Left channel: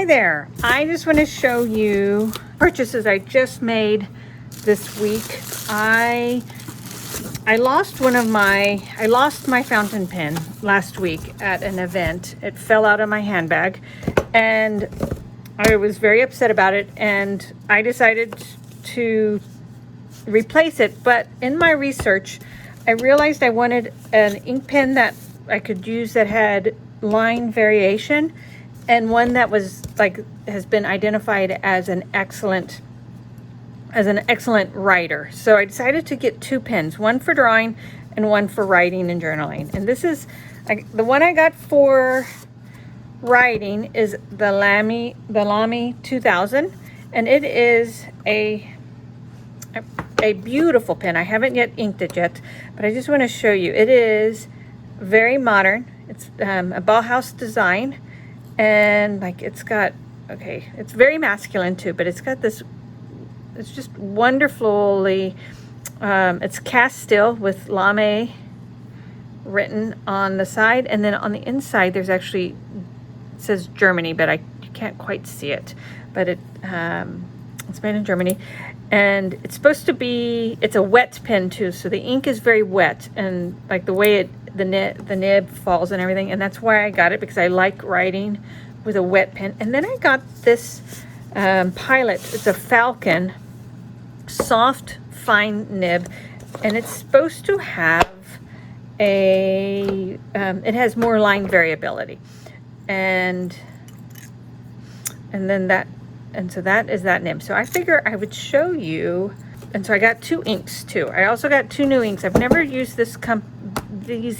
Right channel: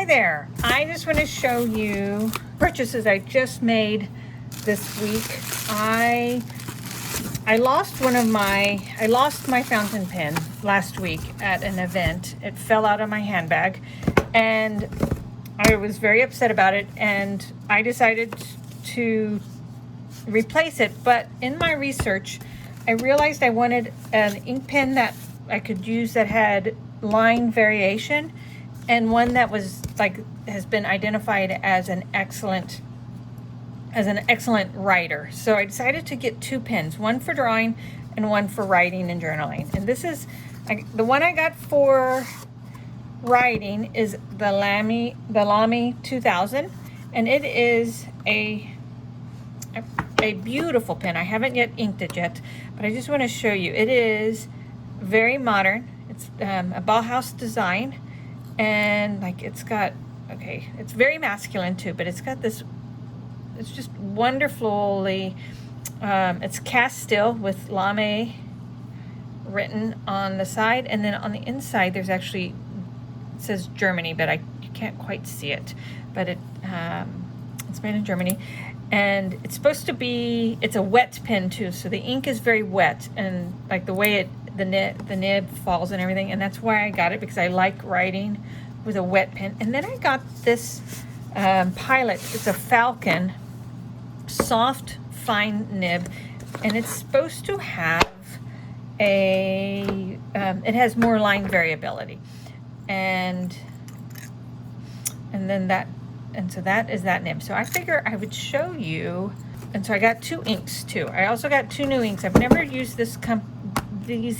Hi there. I just want to show you purchases I just made this week. I lost my fountain pen last week at an event. It fell out of my handbag and I was very upset about it, and I decided to replace it. But in my research, I realized I wanted an ink pen that I could use that had line variation, and one that was has been identified as an excellent writer. So I decided to get two pens, one for drawing and one for writing and journaling. And this is the one I got for writing is the Lamy 2000, and it is a beautiful pen. I haven't yet inked it yet, but I just want to show you. It is very modern. It's a Bauhaus design, and it's very masculine too, but it's got this, it's just wonderfully, it's cast steel with Lamy written on the side, and then on the inside there's actually, it says Germany, but I can't quite see it, but it's made in Germany. And it's supposed to be, it's a wet pen too, so the ink is very wet, and the way the nib falls and everything, and that's why I got it, because I like writing with a wet pen. And then I got this Pilot. It's a Falcon soft fine nib, and it's supposed to have it has more line variability, and so that is that nib. So I figure I would show you, and so I got two inks too. I also got two new inks. I've never used these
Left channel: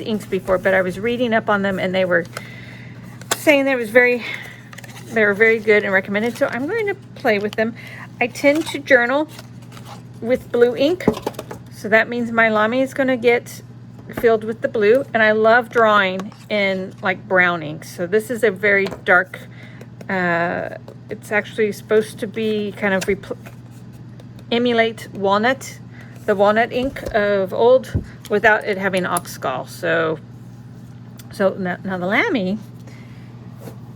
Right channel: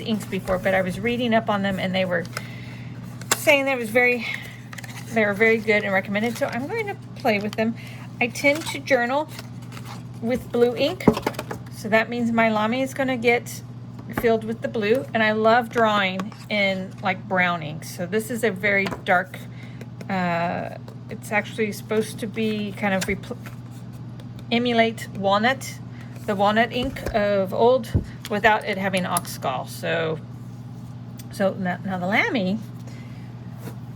inks before, but I was reading up on them, and they were saying they were very good and recommended. So I'm going to play with them. I tend to journal with blue ink, so that means my Lamy is going to get filled with the blue, and I love drawing in brown ink. So this is a very dark, it's actually supposed to be kind of emulate the walnut ink of old, without it having oxgall. So now the Lamy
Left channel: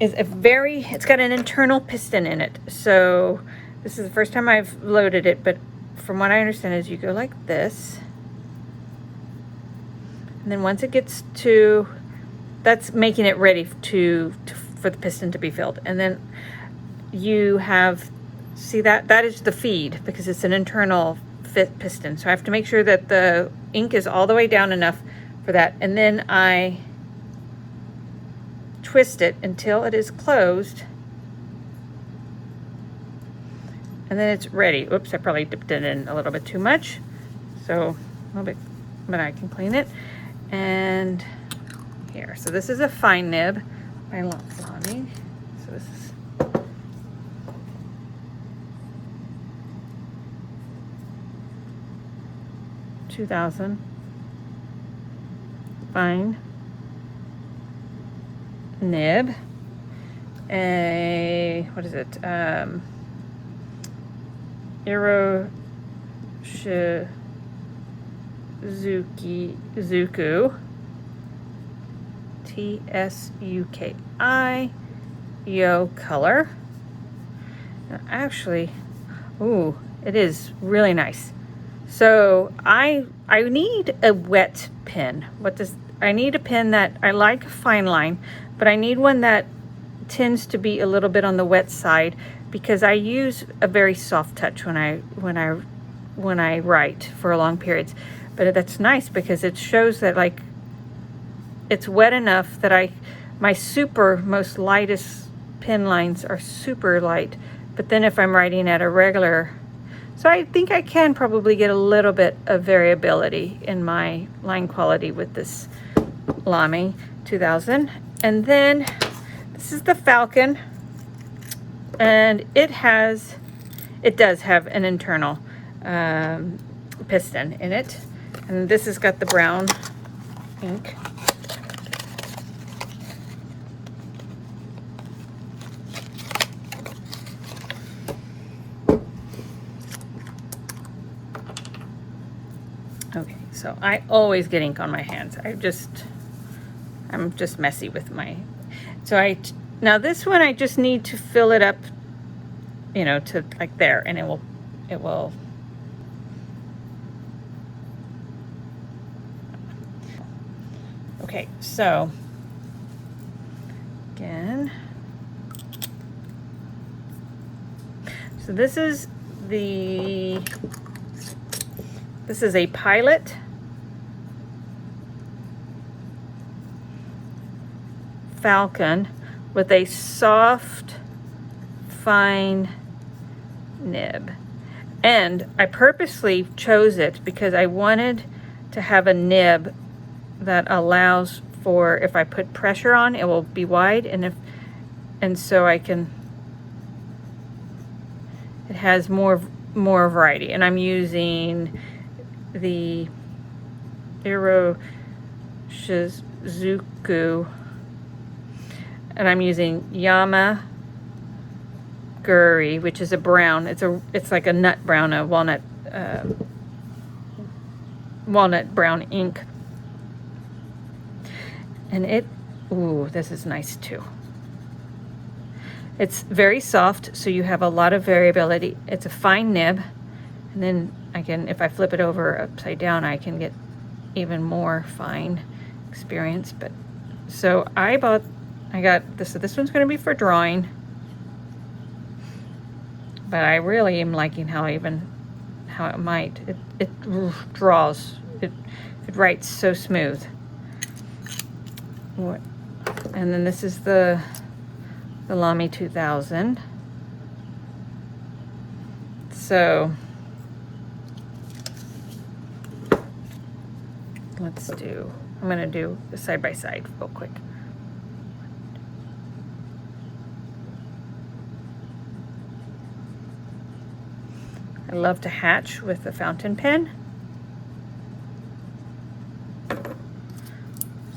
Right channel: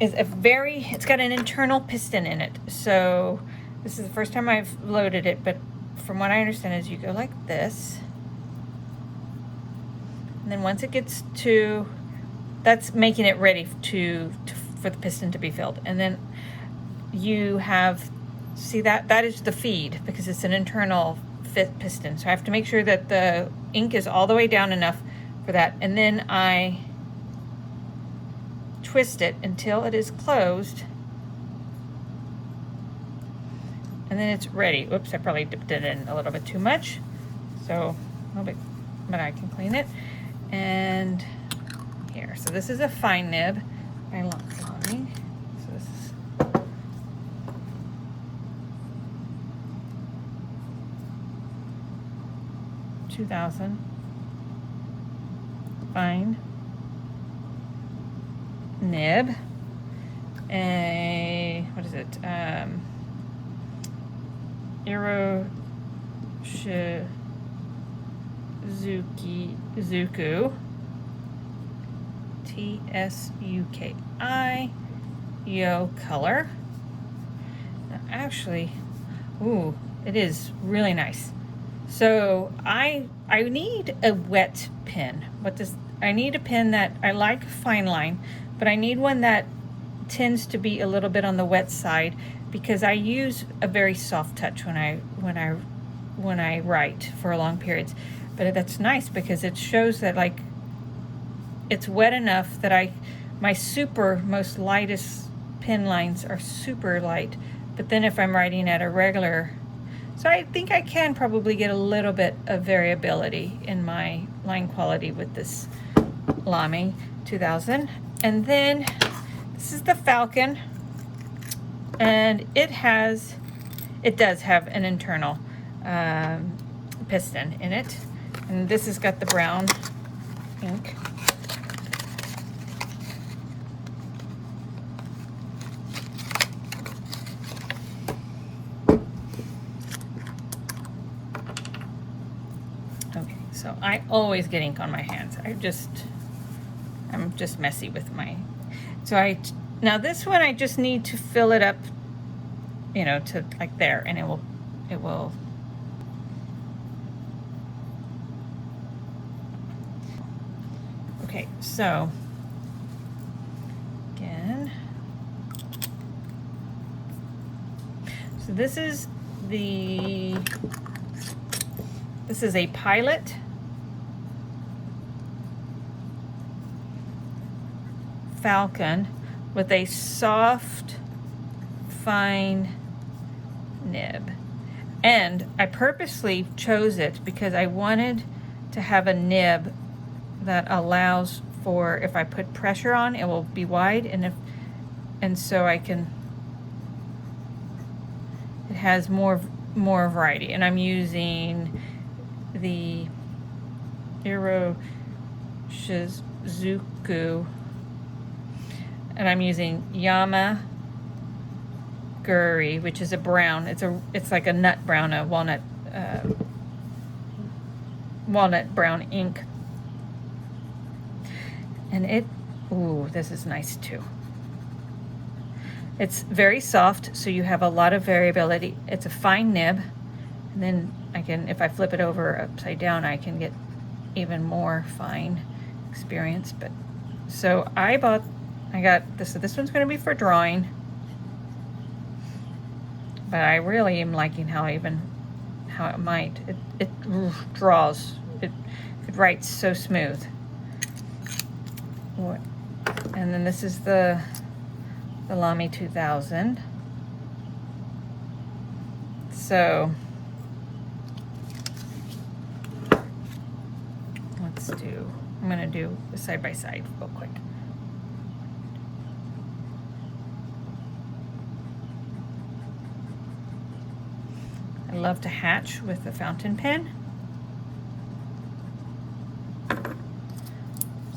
is it's got an internal piston in it. So this is the first time I've loaded it, but from what I understand is you go like this, and then once it gets to, that's making it ready for the piston to be filled. And then you have, see that is the feed, because it's an internal fit piston. So I have to make sure that the ink is all the way down enough for that. And then I twist it until it is closed, and then it's ready. Oops, I probably dipped it in a little bit too much, so a little bit, but I can clean it. And here, so this is a fine nib by Lamy. So this is 2000 fine nib. What is it? Zuku TSUKI Yo color. Actually, ooh, it is really nice. So I need a wet pen. I need a pen that, I like fine line, but I need one that tends to be a little bit on the wet side, because I use a very soft touch when I write for long periods. But that's nice because it shows that it's wet enough that my most lightest pen lines are super light. But then if I'm writing at a regular, so I think I can probably get a little bit of variability in my line quality with this Lamy 2000. And then this is the Falcon, and it does have an internal piston in it. And this has got the brown ink. Okay, so I always get ink on my hands. I'm just messy with my, so Now this one, I just need to fill it up, you know, to like there, and it will. Okay, so again, so this is a Pilot Falcon with a soft, fine nib. And I purposely chose it because I wanted to have a nib that allows for, if I put pressure on, it will be wide, and so I can, it has more variety. And I'm using the Shizuku, and I'm using Yamaguri, which is a brown. It's like a nut brown, a walnut brown ink. And ooh, this is nice too. It's very soft, so you have a lot of variability. It's a fine nib, and then again, if I flip it over upside down, I can get even more fine experience. But so I got this. So this one's going to be for drawing, but I really am liking how it draws. It writes so smooth. And then this is the Lamy 2000. So I'm going to do a side by side real quick. I love to hatch with the fountain pen.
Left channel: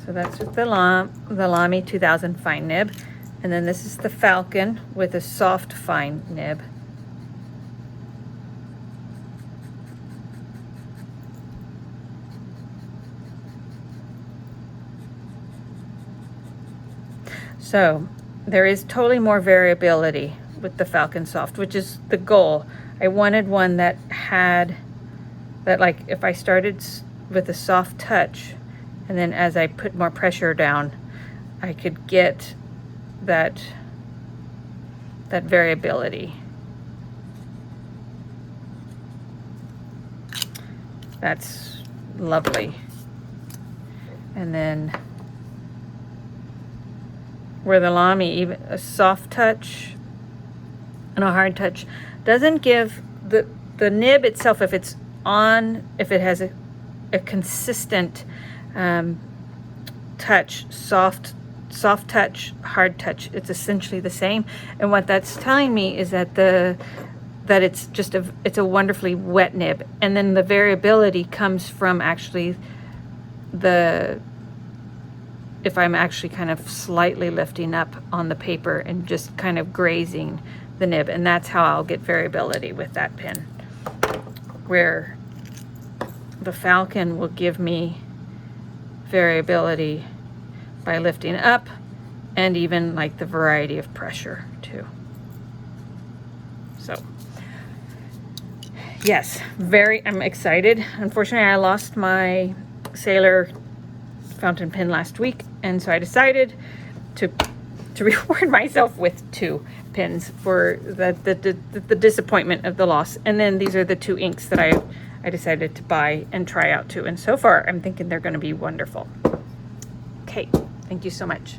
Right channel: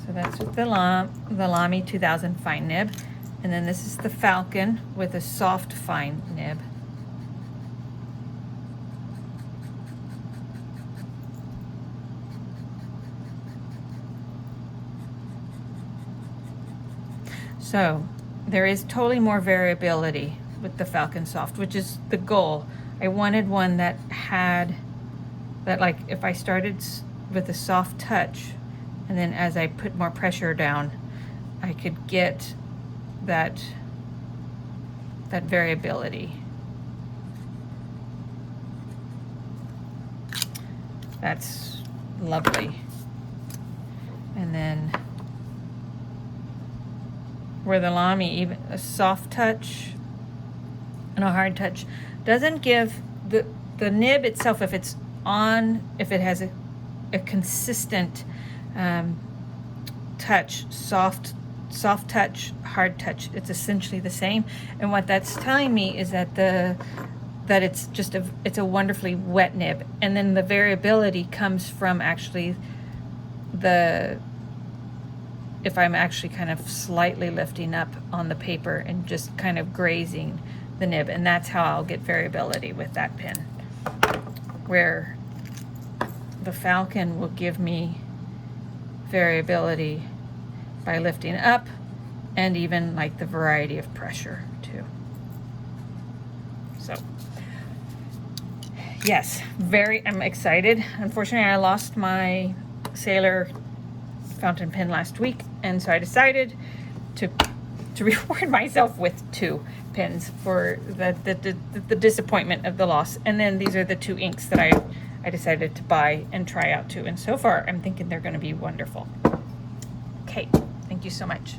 So that's with the Lamy 2000 fine nib. And then this is the Falcon with a soft fine nib. So there is totally more variability with the Falcon Soft, which is the goal. I wanted one that had, that like if I started with a soft touch, and then as I put more pressure down, I could get that variability. That's lovely. And then where the Lamy, even a soft touch and a hard touch, doesn't give the nib itself, if it has a consistent touch, soft touch, hard touch, it's essentially the same. And what that's telling me is that it's a wonderfully wet nib. And then the variability comes from actually if I'm actually kind of slightly lifting up on the paper and just kind of grazing the nib, and that's how I'll get variability with that pen. Where the Falcon will give me variability by lifting up, and even like the variety of pressure too. So yes, I'm excited. Unfortunately, I lost my Sailor fountain pen last week, and so I decided to reward myself with 2 pens for the disappointment of the loss. And then these are the 2 inks that I decided to buy and try out too. And so far, I'm thinking they're going to be wonderful. Okay, thank you so much.